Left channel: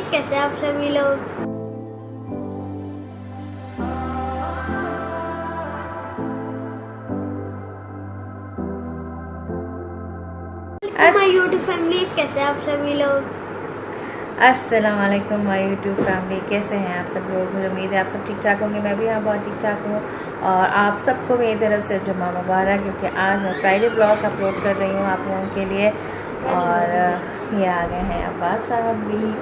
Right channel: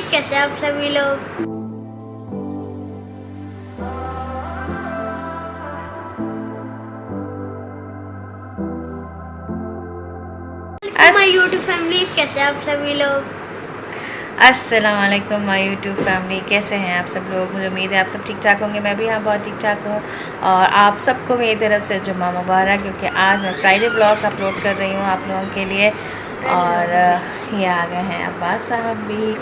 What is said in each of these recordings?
Family, कैसे आप सभी लोग। माय यूट्यूब फैमिली, कैसे आप सभी लोग। अस्सलाम वालेकुम माय यूट्यूब फैमिली, कैसे हैं आप सब लोग। मुझे उम्मीद है आप सब ठीक ठाक होंगे। मैं भी यहाँ बहुत ठीक ठाक हूँ और आप सबको मेरी तरफ से जुम्मा मुबारक, क्योंकि आज मैं फ्राइडे ब्लॉग अपलोड कर रही हूँ आप लोगों के लिए। और ये आ गए हैं अब्बास साहब भी,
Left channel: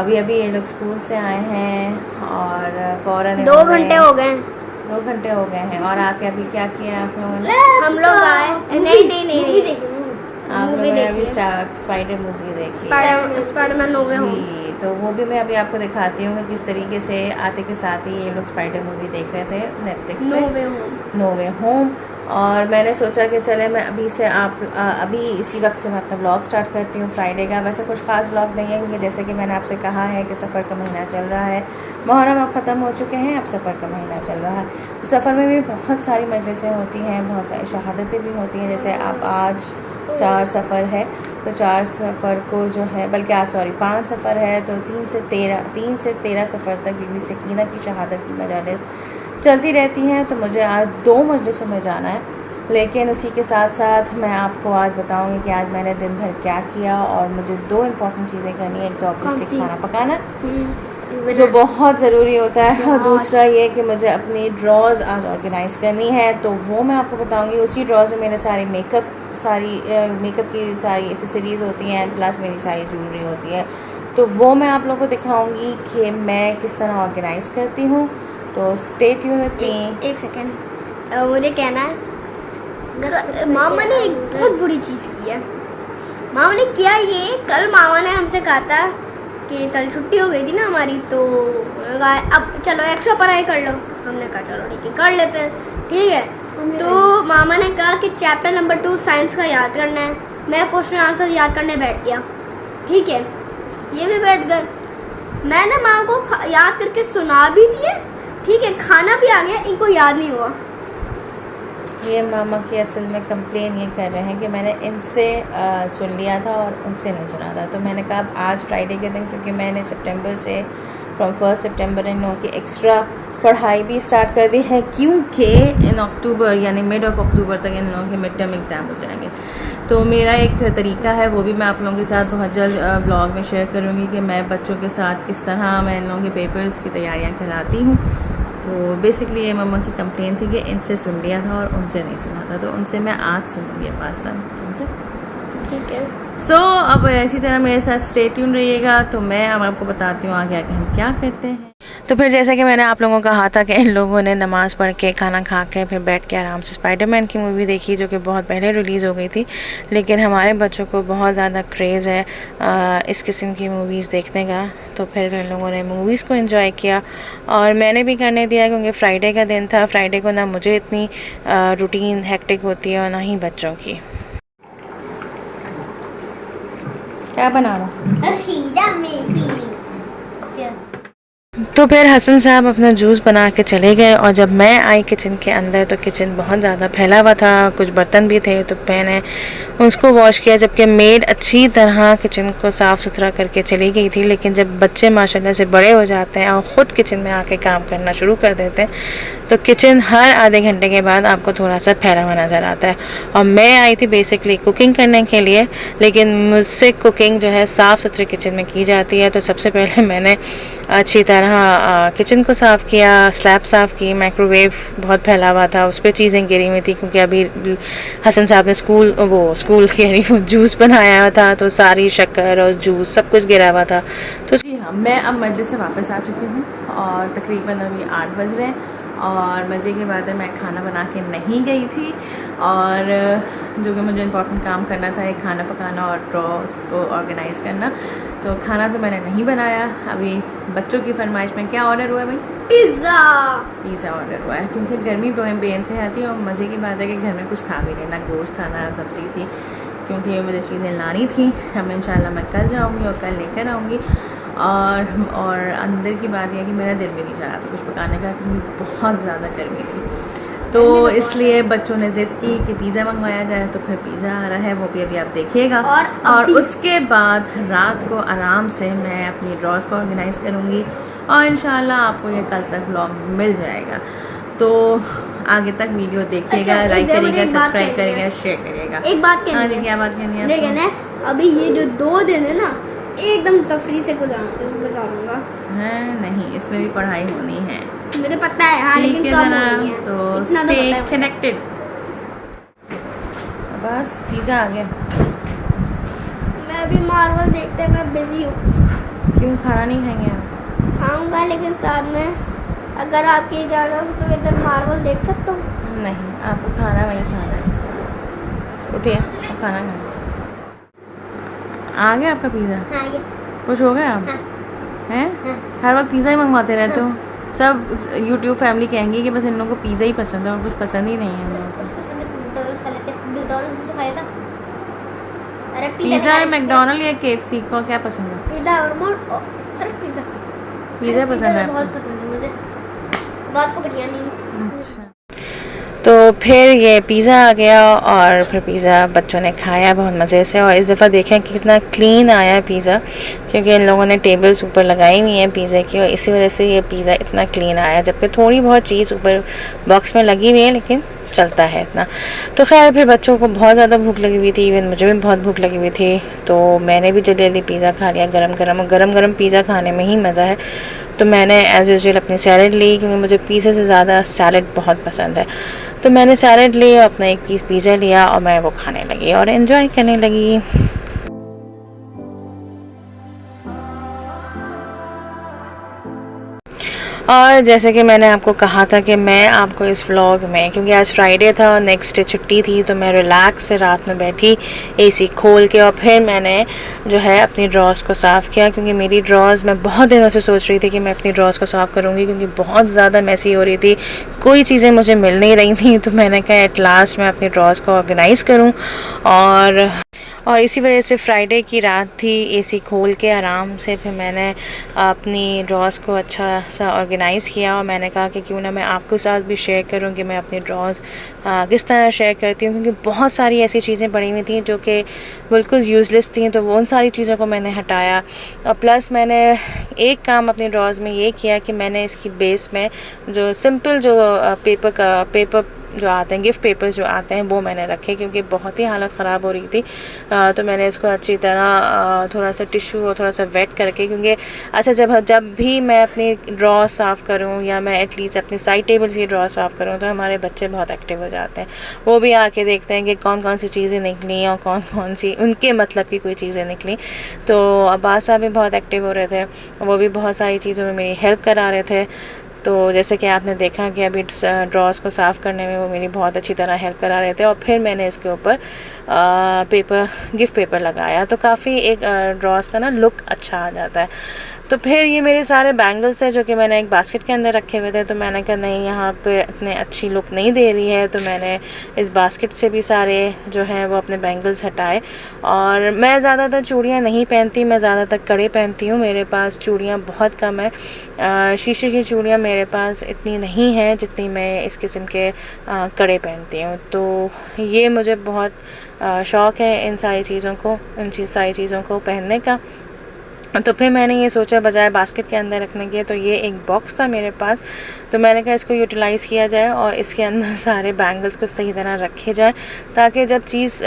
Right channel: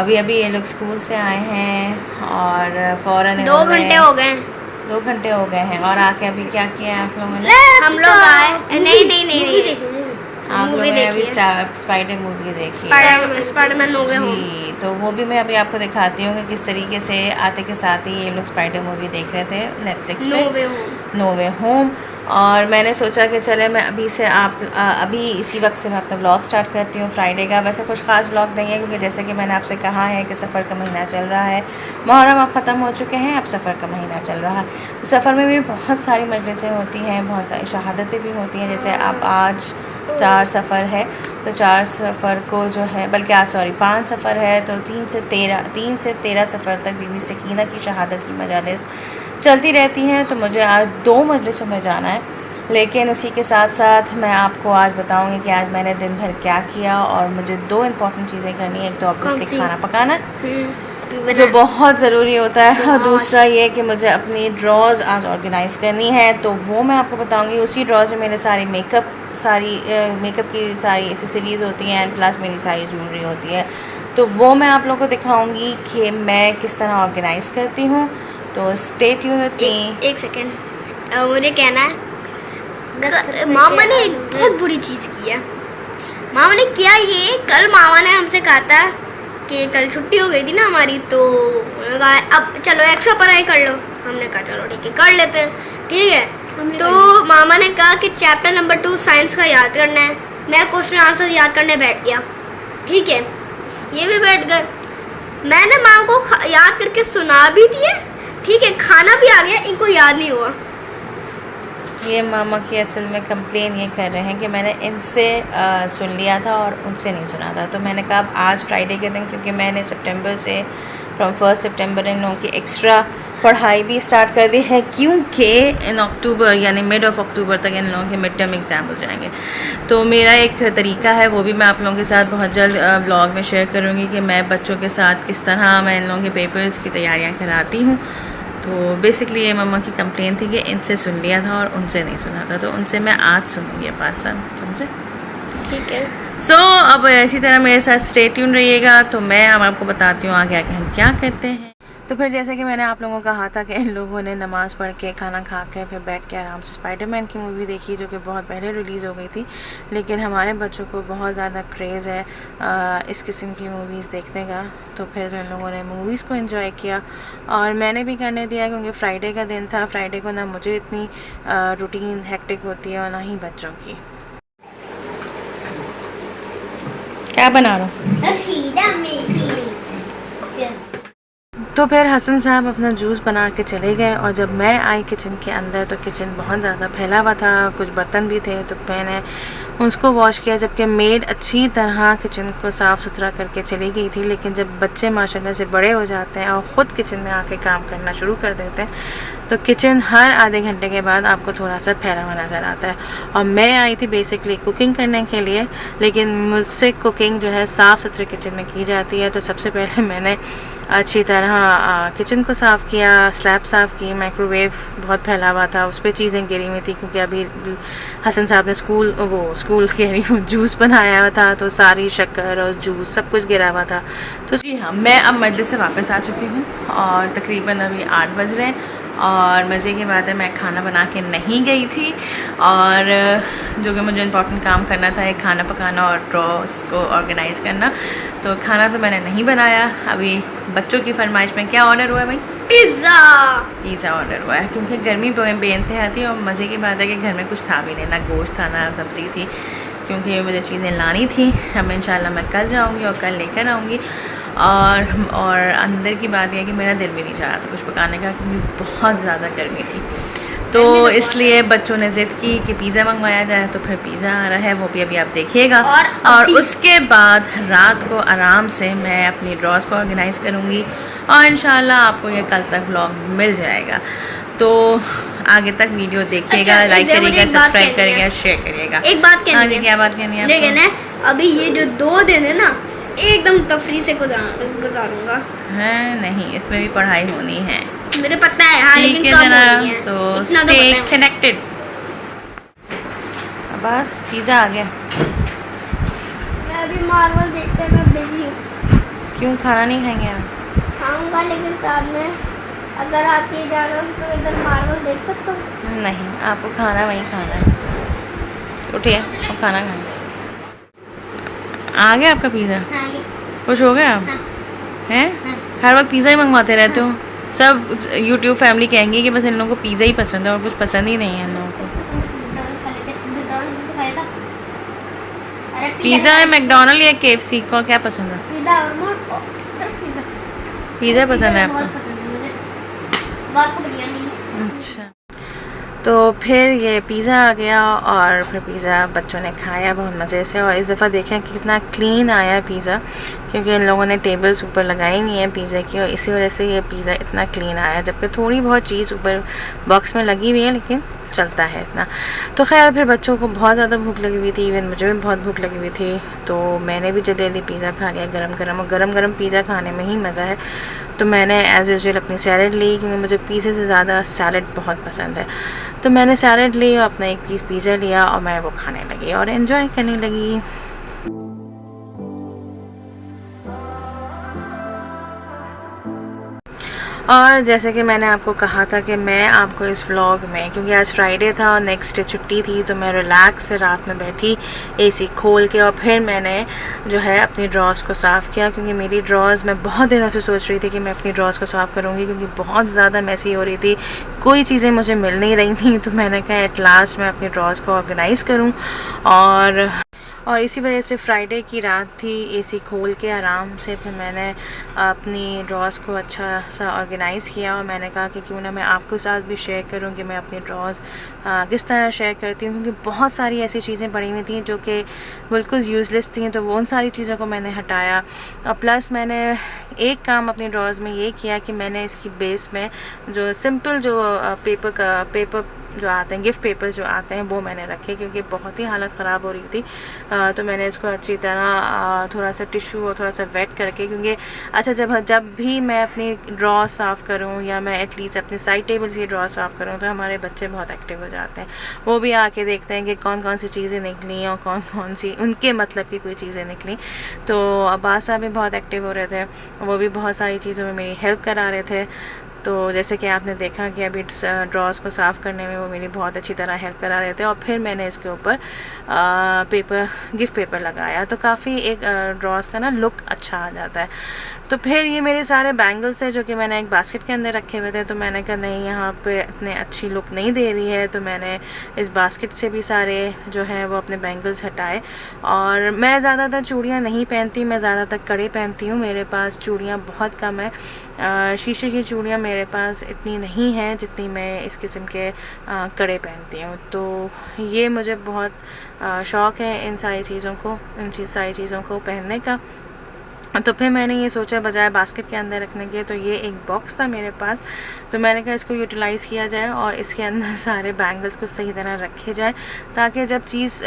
अभी अभी ये लोग स्कूल से आए हैं और फ़ौरन 2 घंटे हो गए। 2 घंटे हो गए हैं। और आके अभी क्या किया है आप लोगों ने? हम लोग आए, नहीं आप मूवी लोगों ने अभी देखी स्पाइडर मूवी देखी है। स्पाइडरमैन हो गए होम। जी, तो वो भी मैं अभी आपको दिखाती हूँ कि किस तरीके से आते के साथ ही ये लोग स्पाइडर मूवी देख रहे थे नेटफ्लिक्स पे, नो वे होम। और मैंने सोचा कि चले मैं अभी से अभी इसी वक्त से मैं अपना ब्लॉग स्टार्ट करती हूँ फ्राइडे का। वैसे कुछ ख़ास ब्लॉग नहीं है, क्योंकि जैसे कि मैंने आपसे कहा है कि सफ़र का महीना चल रहा है, मुहर्रम अब ख़त्म हो चुके हैं, अब सफ़र का महीना चल रहा है। तो सफ़र में भी बहुत सारी मजलिसें होती हैं, बहुत सारी शहादतें भी होती हैं। जैसे आप आज 4 सफ़र है, तो 4 सफ़र को जो है, बल्कि आज 5 सफ़र है, तो 3 से 13 सफ़र तक बीबी सकीना की शहादत की मजालिस चलती रहती हैं। तो मुझे आज 2 मजलिसों में जाना है, लेकिन उसी के साथ साथ मैं आपको आज बताऊंगी कि आज मैंने दिन भर क्या किया। और मुझे 2 इम्पॉर्टेंट चीज़ें करनी है। एक तो ऑब्वियसली खाना पकाना, जो बहुत ज़रूरी होता है, और दूसरा ये कि मुझे अपनी ड्रॉज़ आज ऑर्गेनाइज़ करनी है। तो वो मैं आपको बताऊंगी। उसी ड्रॉज़ में मेरे सारे मेकअप की सारी एसेसरीज़ होती हैं, एंड प्लस मेरी सारी ज्वेलरी होती है। तो वो मैं आप लोगों को दिखाऊंगी कि मैं किस तरह ऑर्गेनाइज़ करती हूँ। तो स्टे ट्यून विद मी। एक सेकेंड, मुझे कहना है, मामा ने एक बहुत बुरी चीज़ की है। मामा ने किया ये, कल मामा ने हमसे कहा था कि कल छुट्टी हो गई थी ना हमारी, तो अब चलो एक्स्ट्रा पढ़ाई कर लो। हमने कहा चलो ठीक है, कर लेते हैं, ठीक है। तो मामा ने कहा कि चैप्टर नंबर 2 साइंस का याद करना है। मैं क्वेश्चन आंसर याद करने बैठ गया, ठीक है, ये भी बैठ गए। मैंने मामा को याद करके सुना भी दिए, ठीक है, खाना भी आ गया, इनको याद नहीं हुआ। ये मामा की असल में कंप्लेन ये कर रहे हैं कि मैंने इनसे सुन लिया था और उनसे नहीं सुना था। तो मैंने कहा अब आज फ्राइडे के दिन, क्योंकि मैंने सितंबर से फ्रॉम 1 सितंबर इन लोगों की एक्स्ट्रा पढ़ाई भी स्टार्ट कर दी है, क्योंकि इन अक्टूबर यानी मिड ऑफ अक्टूबर तक इन लोगों के मिड टर्म एग्ज़ाम हो जाएंगे। तो मेरा एक तरीका है, वो भी मैं आप लोगों के साथ बहुत जल्द ब्लॉग में शेयर करूँगी कि मैं बच्चों के साथ किस तरह मैं इन लोगों के पेपर्स की तैयारियाँ कराती हूँ। तो बेसिकली ये मम्मा की कंप्लेन थी कि इनसे सुन लिया था और उनसे नहीं सुना था, तो उनसे मैं आज सुनूंगी अब्बास साहब, समझे? ठीक है। सो अब इसी तरह मेरे साथ स्टे ट्यून रहिएगा। तो मैं अब आपको बताती हूँ आगे आगे हम क्या करते हैं। तो फिर जैसा कि मैंने आप लोगों को कहा था कि इन लोगों ने नमाज़ पढ़ के खाना खा के फिर बैठ के आराम से स्पाइडरमैन की मूवी देखी, जो कि बहुत पहले रिलीज़ हो गई थी, लेकिन हमारे बच्चों को बहुत ज़्यादा क्रेज़ है इस किस्म की मूवीज़ देखने का। तो फिर इन लोगों ने मूवीज़ को एंजॉय किया और मैंने भी करने दिया, क्योंकि फ्राइडे का दिन था। फ्राइडे को ना मुझे इतनी रूटीन हेक्टिक होती है और ना ही बच्चों की। क्या बना रहा हूँ? तो फिर हसन साहब अपना जूस बना के चले गए, और जब मैं आई किचन के अंदर तो किचन बहुत ज़्यादा फैला हुआ था, कुछ बर्तन भी थे, तो मैंने उसको वॉश किया। जबकि मेड अच्छी तरह किचन को साफ़ सुथरा करके चली गई थी, लेकिन जब बच्चे माशाल्लाह से बड़े हो जाते हैं और ख़ुद किचन में आके काम करना शुरू कर देते हैं, तो किचन हर आधे घंटे के बाद आपको थोड़ा सा फैला हुआ नज़र आता है। और मैं आई थी बेसिकली कुकिंग करने के लिए, लेकिन मुझसे कुकिंग जो है साफ़ सुथरे किचन में की जाती है। तो सबसे पहले मैंने अच्छी तरह किचन को साफ़ किया, स्लैब साफ़ की। माइक्रोवेव बहुत फैला हुआ था, उस पर चीज़ें गिरी हुई थी, क्योंकि अभी हसन साहब ने स्कूल कह रही हूँ जूस बनाया था, तो सारी शक्कर और जूस सब कुछ गिरा हुआ था। तो जी हाँ, मैं अब मस्जिद से वापस आ चुकी हूँ और तकरीबन अभी 8 बज रहे हैं। और मज़े की बात है, मैं खाना बना के नहीं गई थी, और जो कि मुझे इम्पोर्टेंट काम करना था, एक खाना पकाना और ड्रॉस को ऑर्गेनाइज़ करना। तो खाना तो मैंने नहीं बनाया। अभी बच्चों की फरमाइश में क्या ऑर्डर हुआ है भाई? पिज़्ज़ा ऑर्डर हुआ है, क्योंकि गर्मी बेइंतहा थी और मज़े की बात है कि घर में कुछ था भी नहीं, ना गोश्त था ना सब्ज़ी थी, क्योंकि मुझे चीज़ें लानी थी। अब इंशाल्लाह मैं कल जाऊँगी और कल लेकर आऊँगी। और अंदर की बात यह है कि मेरा दिल भी नहीं चाह रहा था कुछ पकाने का, क्योंकि बहुत ज़्यादा गर्मी थी। तो इसलिए बच्चों ने ज़िद की कि पिज़्ज़ा मंगवाया जाए, तो फिर पिज़्ज़ा आ रहा है, वो भी अभी आप देखिएगा। और उसके बाद रात को आराम से मैं अपनी ड्रॉज को ऑर्गेनाइज़ करूँगी और इंशाल्लाह आपको ये कल तक व्लॉग मिल जाएगा। तो आगे तक वीडियो देखिएगा, अच्छा, लाइक करिएगा, एक बात सब्सक्राइब कहनी है। करिएगा, शेयर करिएगा। एक बात कहनी हाँ है। जी, क्या बात कहनी है लेकिन आपको? अभी ये जो 2 दिन है ना, एकदम तफरी से गुजारूंगा। है नहीं, इसमें भी पढ़ाई होनी है। मुझे पता है, हाँ, ठीक लेकिन है कम जना, होनी है। तो इतना स्टे पता है। कनेक्टेड। बस पिज़्ज़ा आ गया। मैं अभी मार्वल देखते मैं बिजी हूँ। क्यों खाना नहीं खाएंगे आप? खाऊंगा, लेकिन साथ में अगर आप ये जाना तो इधर मार्वल देख सकता हूँ। नहीं, आपको खाना वहीं खाना है। उठिए और खाना खाएं। आ गया आपका पिज़्ज़ा? हाँ, ये खुश हो गए आप? हैं? हर वक्त पिज़्ज़ा ही मंगवाते रहते हो। सब यूट्यूब फैमिली कहेंगी कि बस इन लोगों को पिज़्ज़ा ही पसंद है और कुछ पसंद ही नहीं है इन लोगों को। पिज़्ज़ा है, मैकडोनल्ड या KFC को क्या पसंद है? पिज़्ज़ा और सिर्फ पिज़्ज़ा। पिज़्ज़ा पसंद है बहुत आपको? पसंद है मुझे। रात को बिरयानी। अच्छा, तो फिर ये पिज़्ज़ा आ गया और फिर पिज़्ज़ा बच्चों ने खाया बहुत मज़े से। और इस दफ़ा देखें कि कितना क्लीन आया है पिज़्ज़ा, क्योंकि इन लोगों ने टेबल्स ऊपर लगाई हुई हैं पिज़्ज़ा की, और इसी वजह से ये पिज़्ज़ा इतना क्लीन आया। जबकि थोड़ी बहुत चीज़ ऊपर बॉक्स में लगी हुई है, लेकिन चलता है इतना। तो खैर, फिर बच्चों को बहुत ज़्यादा भूख लगी हुई थी, इवन मुझे भी बहुत भूख लगी हुई थी, तो मैंने भी जल्दी जल्दी पिज़्ज़ा खा लिया गरम गरम। और गरम गरम पिज़्ज़ा खाने में ही मज़ा है। तो मैंने एज़ यूजुअल अपनी सैलड ली, क्योंकि मुझे पिज़्ज़ा से ज़्यादा सैलड बहुत पसंद है। तो मैंने सैलड ली, अपना एक पीस पिज़्ज़ा लिया और मैं वो खाने लगी और एंजॉय करने लगी। और जैसे कि मैंने आपको कहा था कि मैं आपको इस व्लॉग में, क्योंकि आज फ्राइडे था और नेक्स्ट डे छुट्टी थी, तो मैं रिलैक्स से रात में बैठी AC खोल के, और फिर मैंने जो है अपनी ड्रॉज़ को साफ़ किया। क्योंकि मेरी ड्रॉज़, मैं बहुत दिनों से सोच रही थी कि मैं अपनी ड्रॉज़ को साफ़ करूँगी, क्योंकि बहुत ज़्यादा मैसी हो रही थी, कोई चीज़ें मुझे मिल नहीं रही थी। तो मैंने कहा एट लास्ट मैं अपनी ड्रॉज़ को ऑर्गेनाइज़ करूँ। और इसी वजह से फ्राइडे की रात थी, AC खोल के आराम से फिर मैंने अपनी ड्रॉज़ को अच्छा सा ऑर्गेनाइज़ किया। और मैंने कहा कि क्यों ना मैं आपके साथ भी शेयर करूं कि मैं अपनी ड्रॉज़ किस तरह शेयर करती हूं, क्योंकि बहुत सारी ऐसी चीज़ें पड़ी हुई थी जो कि बिल्कुल यूज़लेस थी। तो वो उन सारी चीज़ों को मैंने हटाया। और प्लस मैंने एक काम अपनी ड्रॉज़ में ये किया कि मैंने इसकी बेस में जो सिंपल जो पेपर जो आते हैं, गिफ्ट पेपर्स जो आते हैं, वो मैंने रखे, क्योंकि बहुत ही हालत ख़राब हो रही थी। तो मैंने इसको अच्छी तरह थोड़ा सा टिश्यू और थोड़ा सा वेट करके, क्योंकि अच्छा जब भी मैं अपनी ड्रॉ साफ़ करूं, या मैं एटलीस्ट अपनी साइड टेबल से ड्रॉ साफ़ करूं, तो हमारे बच्चे बहुत एक्टिव हो जाते हैं। वो भी आके देखते हैं कि कौन कौन सी चीज़ें निकली और कौन कौन सी उनके मतलब की कोई चीज़ें निकली। तो अब्बास साहब भी बहुत एक्टिव हो रहे थे, वो भी बहुत सारी चीज़ों में मेरी हेल्प करा रहे थे। तो जैसे कि आपने देखा कि अभी ड्रॉज़ को साफ़ करने में वो मेरी बहुत अच्छी तरह हेल्प करा रहे थे। और फिर मैंने इसके ऊपर गिफ्ट पेपर लगाया, तो काफ़ी एक ड्रॉज़ का ना लुक अच्छा आ जाता है। तो फिर ये मेरे सारे बैंगल्स हैं जो कि मैंने एक बास्केट के अंदर रखे हुए थे। तो मैंने कहा नहीं, यहाँ पे इतने अच्छी लुक नहीं दे रही है, तो मैंने इस बास्केट से भी सारे जो हैं वो अपने बैंगल्स हटाए। और मैं ज़्यादातर चूड़ियाँ नहीं पहनती, मैं ज़्यादातर कड़े पहनती हूँ। मेरे पास चूड़ियाँ बहुत कम है, शीशे की चूड़ियाँ मेरे पास इतनी नहीं हैं जितनी मैं इस किस्म के कड़े पहनती हूँ। तो ये मुझे बहुत शौक़ है इन सारी चीज़ों को पहनने का। तो फिर मैंने ये सोचा बजाय बास्केट के अंदर रखने के, तो ये एक बॉक्स था मेरे पास, तो मैंने कहा इसको यूटिलाइज़ किया जाए और इसके अंदर सारे बैंगल्स को सही तरह रखे जाए, ताकि जब चीज़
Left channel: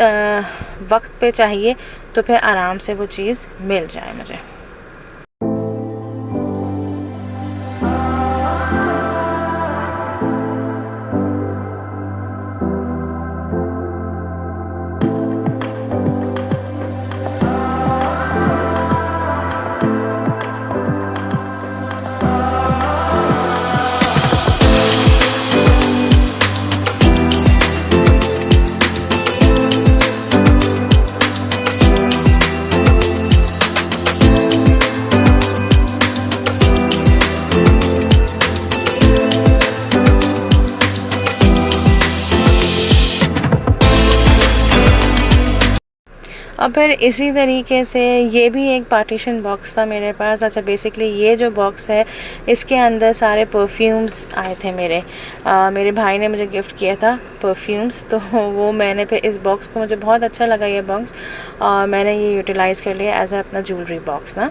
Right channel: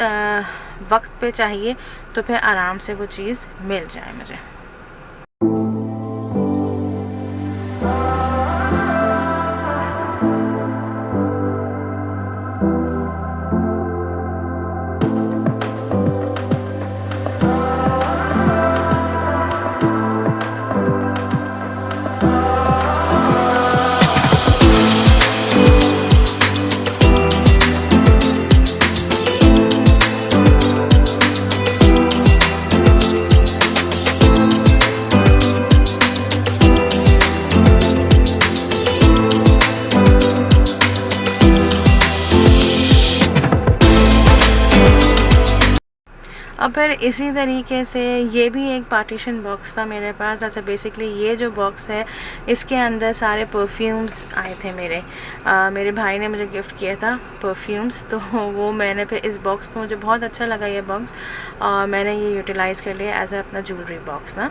वक्त पे चाहिए तो फिर आराम से वो चीज़ मिल जाए मुझे। और फिर इसी तरीके से ये भी एक पार्टीशन बॉक्स था मेरे पास। अच्छा, बेसिकली ये जो बॉक्स है इसके अंदर सारे परफ्यूम्स आए थे मेरे भाई ने मुझे गिफ्ट किया था परफ्यूम्स, तो वो मैंने फिर इस बॉक्स को, मुझे बहुत अच्छा लगा ये बॉक्स और मैंने ये यूटिलाइज़ कर लिया एज अपना ज्वेलरी बॉक्स ना।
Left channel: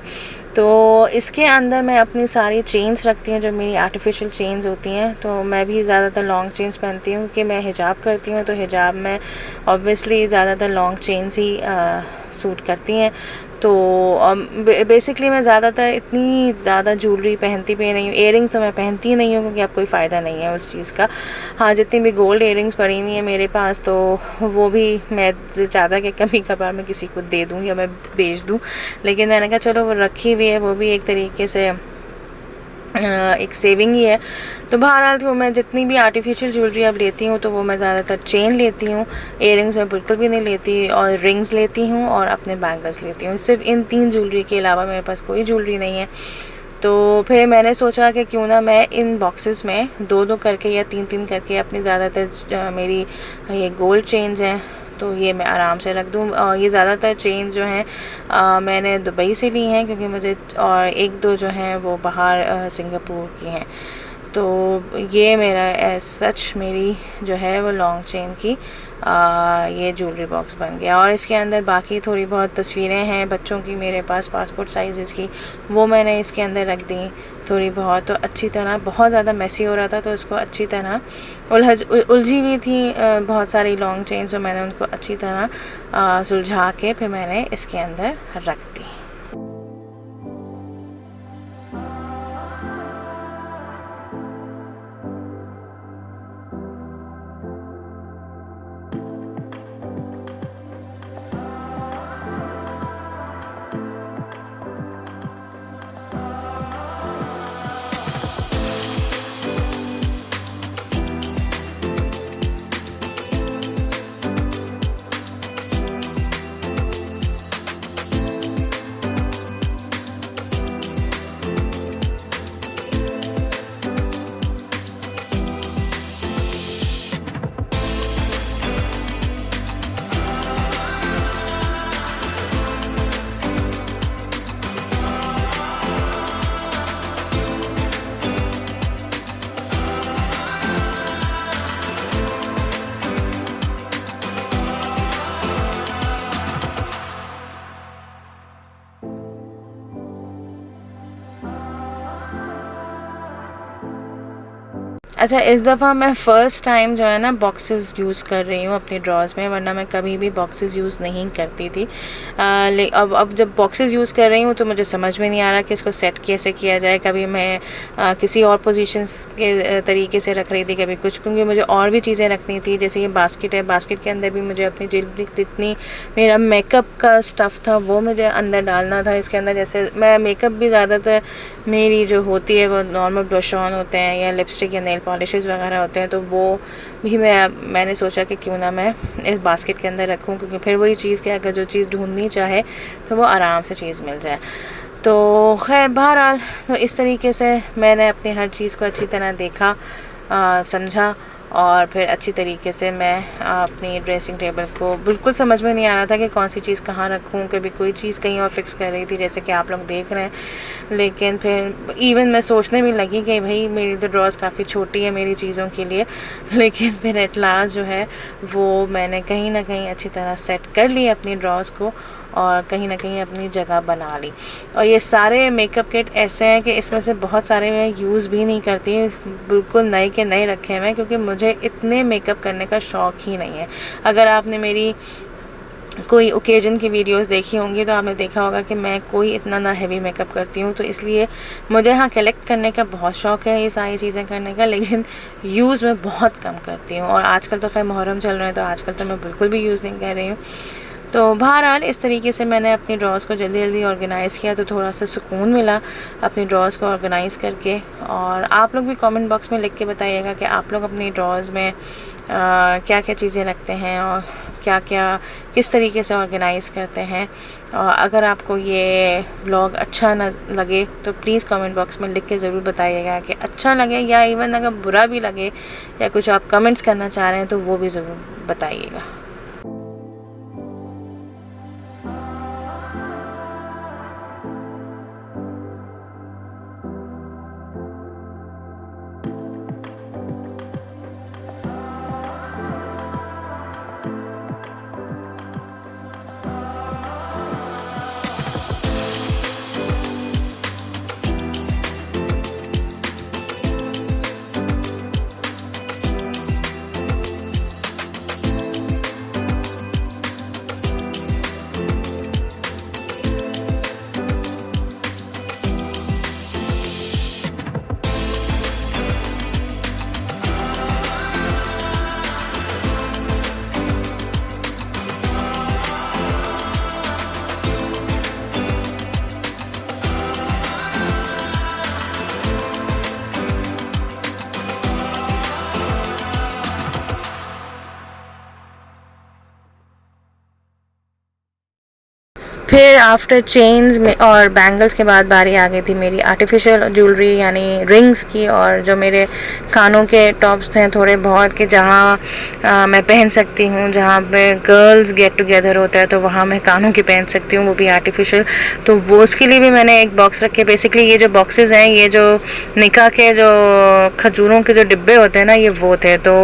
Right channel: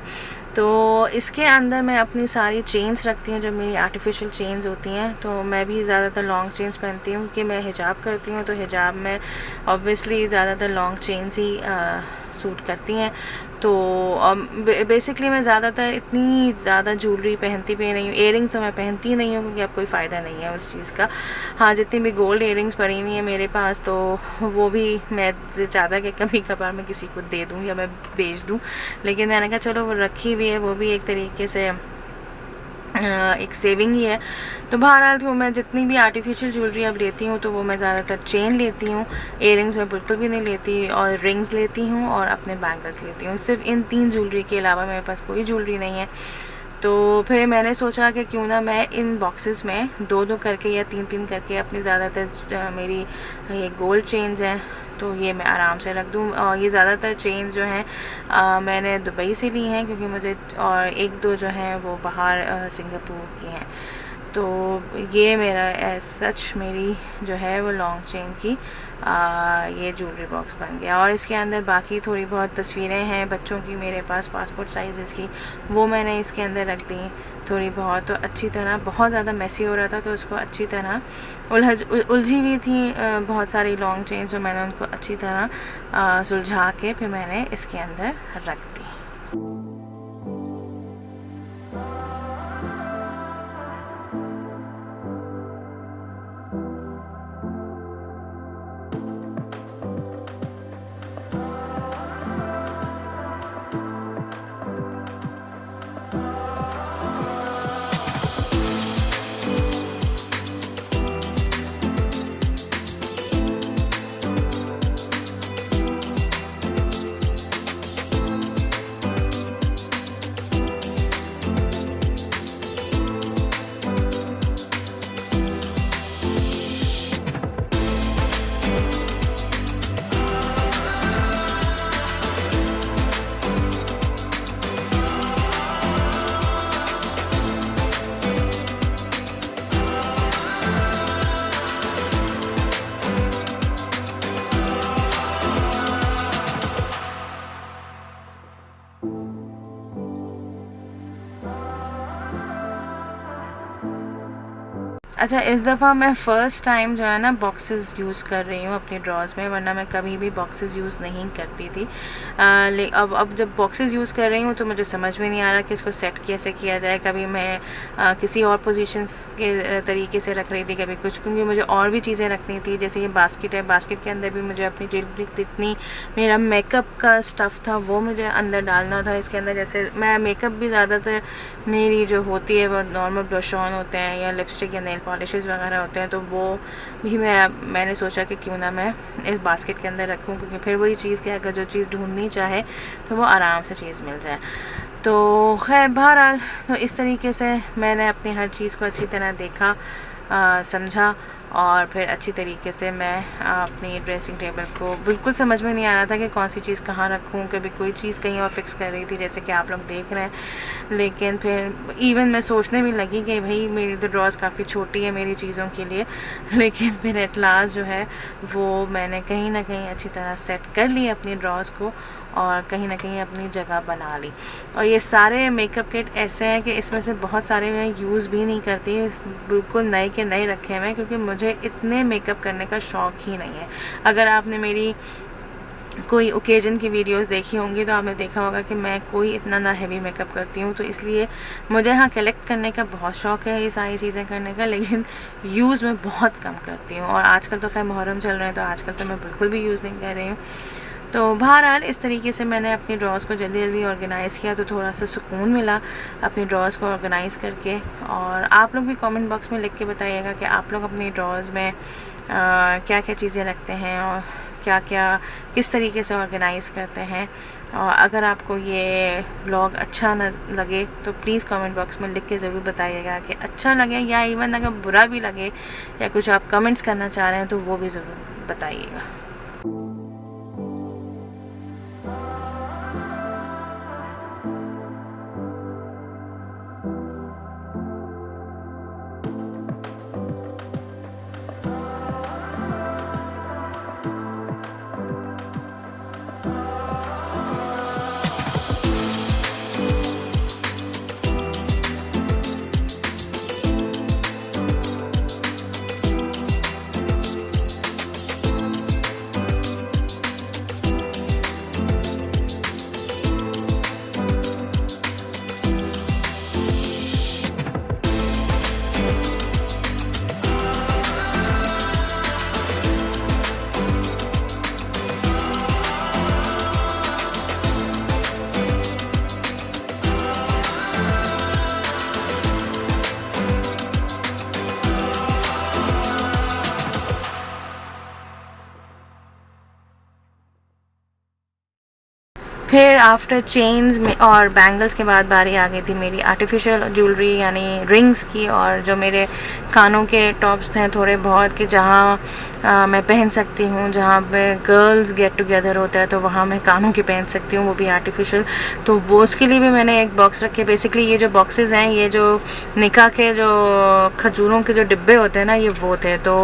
तो इसके अंदर मैं अपनी सारी चेन्स रखती हूँ जो मेरी आर्टिफिशियल चेन्स होती हैं। तो मैं भी ज़्यादातर लॉन्ग चेन्स पहनती हूँ क्योंकि मैं हिजाब करती हूँ, तो हिजाब में ऑब्वियसली ज़्यादातर लॉन्ग चेन्स ही सूट करती हैं। तो बेसिकली मैं ज़्यादातर इतनी ज़्यादा ज्वेलरी पहनती भी नहीं हूँ। इयरिंग्स तो मैं पहनती ही नहीं हूँ क्योंकि अब कोई फ़ायदा नहीं है उस चीज़ का। हाँ, जितनी भी गोल्ड इयरिंग्स पड़ी हुई हैं मेरे पास, तो वो भी मैं ज़्यादा कि कभी कभार मैं किसी को दे दूँ या मैं बेच दूँ, लेकिन मैंने कहा चलो वो रखी हुई है, वो भी एक तरीके से एक सेविंग ही है। तो बहरहाल तो मैं जितनी भी आर्टिफिशियल ज्वेलरी अब लेती हूँ तो वो मैं ज़्यादातर चेन लेती हूँ, इयरिंग्स मैं बिल्कुल भी नहीं लेती, और रिंग्स लेती हूँ और अपने बैंगल्स लेती हूँ। सिर्फ इन 3 ज्वेलरी के अलावा मेरे पास कोई ज्वेलरी नहीं है। तो फिर मैंने सोचा कि क्यों ना मैं इन बॉक्सेस में 2-2 करके या 3-3 करके अपनी ज़्यादातर मेरी ये गोल्ड चेन्स हैं तो ये मैं आराम से रख दूँ। और ये ज़्यादातर चेन्स जो हैं मैंने दुबई से ली हैं क्योंकि मुझे, और 1-2 जो हैं वो बाहर सिंगापुर की हैं। तो ये मेरा एज सच मेरी जो है वो लॉन्ग चेन की ये ज्वेलरी बॉक्स बन गया। और इसके अंदर बाकी थोड़ी बहुत तस्वीरें हैं बच्चों की मेरे पास पासपोर्ट साइज़ की, वो मैंने इसके अंदर रख दी थोड़ी बहुत। तो अच्छी तरह, बहुत ज़्यादा मैसी हो रहा था तो उसको अच्छी तरह उलझी हुई थी बहुत सारी लॉन्ग चेन, जो मैंने उनको अच्छी तरह सुलझा के फिर मैंने इसके अंदर रख दी। अच्छा, इस दफ़ा मैं फ़र्स्ट टाइम जो है ना बॉक्सेस यूज़ कर रही हूँ अपनी ड्रॉज़ में, वरना मैं कभी भी बॉक्सेस यूज़ नहीं करती थी। अब जब बॉक्सेस यूज़ कर रही हूँ तो मुझे समझ में नहीं आ रहा कि इसको सेट कैसे किया जाए। कभी मैं किसी और पोजीशंस के तरीके से रख रही थी, कभी कुछ, क्योंकि मुझे और भी चीज़ें रखनी थी। जैसे ये बास्केट है, बास्केट के अंदर भी मुझे अपनी जितनी मेरा मेकअप का स्टफ़ था वो मुझे अंदर डालना था इसके अंदर। जैसे मैं मेकअप भी ज़्यादातर मेरी जो होती है वो नॉर्मल ब्रश ऑन होते हैं या लिपस्टिक या नेल पॉलिशेस वगैरह होते हैं, तो वो भी मैंने सोचा कि क्यों ना मैं इस बास्केट के अंदर रखूं, क्योंकि फिर वही चीज़ कि अगर जो चीज़ ढूंढनी चाहे तो वो आराम से चीज़ मिल जाए। तो खैर बहरहाल, तो इस तरीके से मैंने अपनी हर चीज़ को अच्छी तरह देखा, समझा, और फिर अच्छी तरीके से मैं अपनी ड्रेसिंग टेबल को, बिल्कुल समझ में नहीं आ रहा था कि कौन सी चीज़ कहाँ रखूँ। कभी कोई चीज़ कहीं और फिक्स कर रही थी जैसे कि आप लोग देख रहे हैं, लेकिन फिर इवन मैं सोचने भी लगी कि भाई मेरी तो ड्रॉज़ काफ़ी छोटी है मेरी चीज़ों के लिए, लेकिन फिर एट लास्ट जो है वो मैंने कहीं ना कहीं अच्छी तरह सेट कर ली अपनी ड्रॉज़ को और कहीं ना कहीं अपनी जगह बना ली। और ये सारे मेकअप किट ऐसे हैं कि इसमें से बहुत सारे मैं यूज़ भी नहीं करती, बिल्कुल नए के नए रखे हुए हैं, क्योंकि मुझे इतने मेकअप करने का शौक़ ही नहीं है। अगर आपने मेरी कोई ओकेजन की वीडियोस देखी होंगी तो आपने देखा होगा कि मैं कोई इतना ना हैवी मेकअप करती हूँ, तो इसलिए मुझे हाँ कलेक्ट करने का बहुत शौक़ है ये सारी चीज़ें करने का, लेकिन यूज़ मैं बहुत कम करती हूँ। और आजकल तो खैर मुहर्रम चल रहा है तो आजकल तो मैं बिल्कुल भी यूज़ नहीं कर रही हूँ। तो बहरहाल इस तरीके से मैंने अपनी ड्रॉज़ को जल्दी जल्दी ऑर्गेनाइज़ किया, तो थोड़ा सा सुकून मिला अपनी ड्रॉज़ को ऑर्गेनाइज़ करके। और आप लोग भी कमेंट बॉक्स में लिख के बताइएगा कि आप लोग अपनी ड्रॉज़ में क्या क्या चीज़ें रखते हैं और क्या क्या किस तरीके से ऑर्गेनाइज़ करते हैं। और अगर आपको ये व्लॉग अच्छा न लगे तो प्लीज़ कमेंट बॉक्स में लिख के ज़रूर बताइएगा कि अच्छा लगे, या इवन अगर बुरा भी लगे या कुछ आप कमेंट्स करना चाह रहे हैं तो वो भी ज़रूर बताइएगा। फिर आफ्टर चेन्स में और बैंगल्स के बाद बारी आ गई थी मेरी आर्टिफिशियल ज्वेलरी यानी रिंग्स की, और जो मेरे कानों के टॉप्स थे थोड़े बहुत कि जहाँ मैं पहन सकती हूँ, जहाँ पे गर्ल्स गेट टुगेदर होता है तो वहाँ मैं कानों की पहन सकती हूँ, वो भी आर्टिफिशियल। तो वो उसके लिए भी मैंने एक बॉक्स रखे। बेसिकली ये जो बॉक्सेस हैं, ये जो निकाह के जो खजूरों के जो डिब्बे होते हैं ना, ये वो थे। तो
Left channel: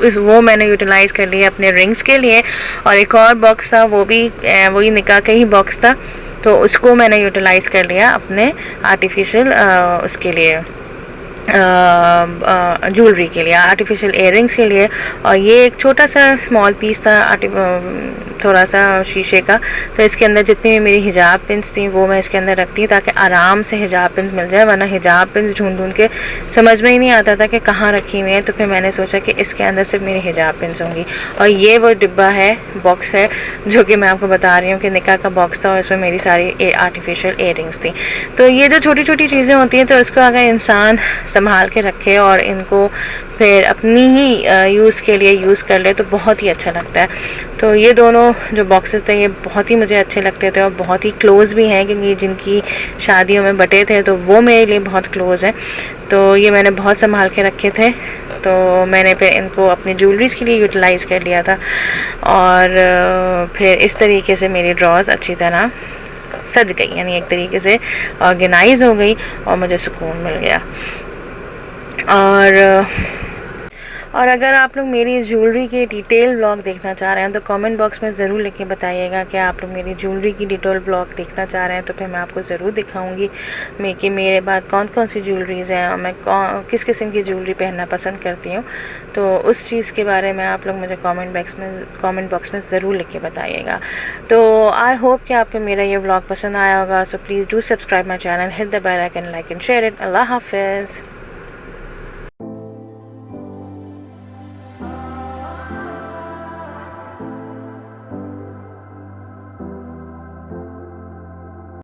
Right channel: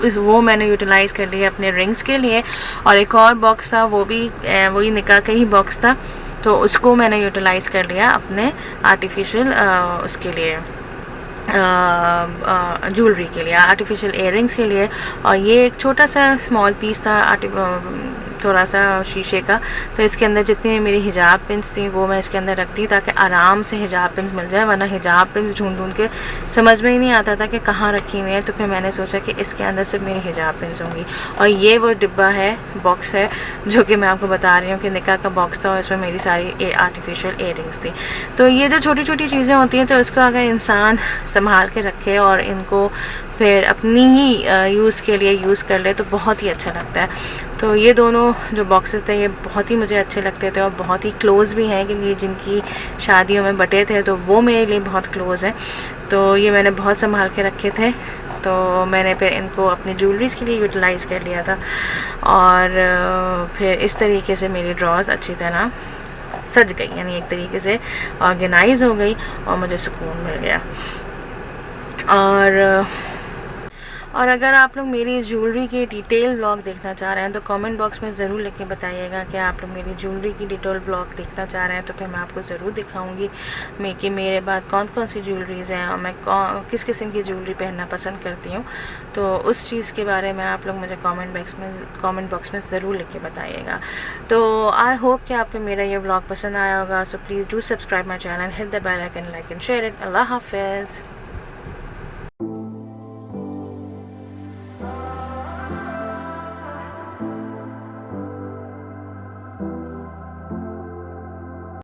वो मैंने यूटिलाइज़ कर लिया अपने रिंग्स के लिए। और एक और बॉक्स था, वो भी वही निकाह का ही बॉक्स था, तो उसको मैंने यूटिलाइज़ कर लिया अपने आर्टिफिशियल उसके लिए, ज्वेलरी के लिए, आर्टिफिशियल इयररिंग्स के लिए। और ये एक छोटा सा स्मॉल पीस था थोड़ा सा शीशे का, तो इसके अंदर जितनी भी मेरी हिजाब पिन्स थी वो मैं इसके अंदर रखती हूँ ताकि आराम से हिजाब पिन्स मिल जाए, वरना हिजाब पिन्स ढूंढ के समझ में ही नहीं आता था कि कहाँ रखी हुई है। तो फिर मैंने सोचा कि इसके अंदर सिर्फ मेरी हिजाब पिन्स होंगी। और ये वो डिब्बा है, बॉक्स है, जो कि मैं आपको बता रही हूँ कि निकाह का बॉक्स था और इसमें मेरी सारी आर्टिफिशियल इयररिंग्स थी। तो ये जो छोटी छोटी चीज़ें होती हैं, तो इसको अगर इंसान संभाल के रखे और इनको फिर अपनी ही यूज़ के लिए यूज़ कर ले तो बहुत ही अच्छा लगता है। तो ये दोनों जो बॉक्सेस थे ये बहुत ही मुझे अच्छे लगते थे और बहुत ही क्लोज़ भी हैं, क्योंकि जिनकी शादियों में बटे थे तो वो मेरे लिए बहुत क्लोज़ हैं। तो ये मैंने बहुत संभाल के रखे थे, तो मैंने फिर इनको अपनी ज्वेलरीज़ के लिए यूटिलाइज़ कर लिया था। और फिर इस तरीके से मेरी ड्रॉज अच्छी तरह सज गई, यानी एक तरीके से ऑर्गेनाइज़ हो गई और मुझे सुकून मिल गया। और अगर आप लोग मेरी ज्वेलरी के डिटेल व्लॉग देखना चाह रहे हैं तो कमेंट बॉक्स में ज़रूर लिख के बताइएगा कि आप लोग मेरी ज्वेलरी की डिटेल व्लॉग देखना चाह रहे हैं, तो फिर मैं आपको ज़रूर दिखाऊंगी कि मेरे बाद कौन कौन सी ज्वेलरीज़ हैं और मैं किस किस्म की ज्वेलरी पहनना पसंद करती हूँ। तो उस चीज़ के बारे में आप लोग मुझे कमेंट बॉक्स में ज़रूर लिख के बताइएगा। तो आई होप कि आपको मेरा ये व्लॉग पसंद आया होगा। So please do subscribe my channel, hit the bell icon, like and share it. अल्लाह हाफिज़।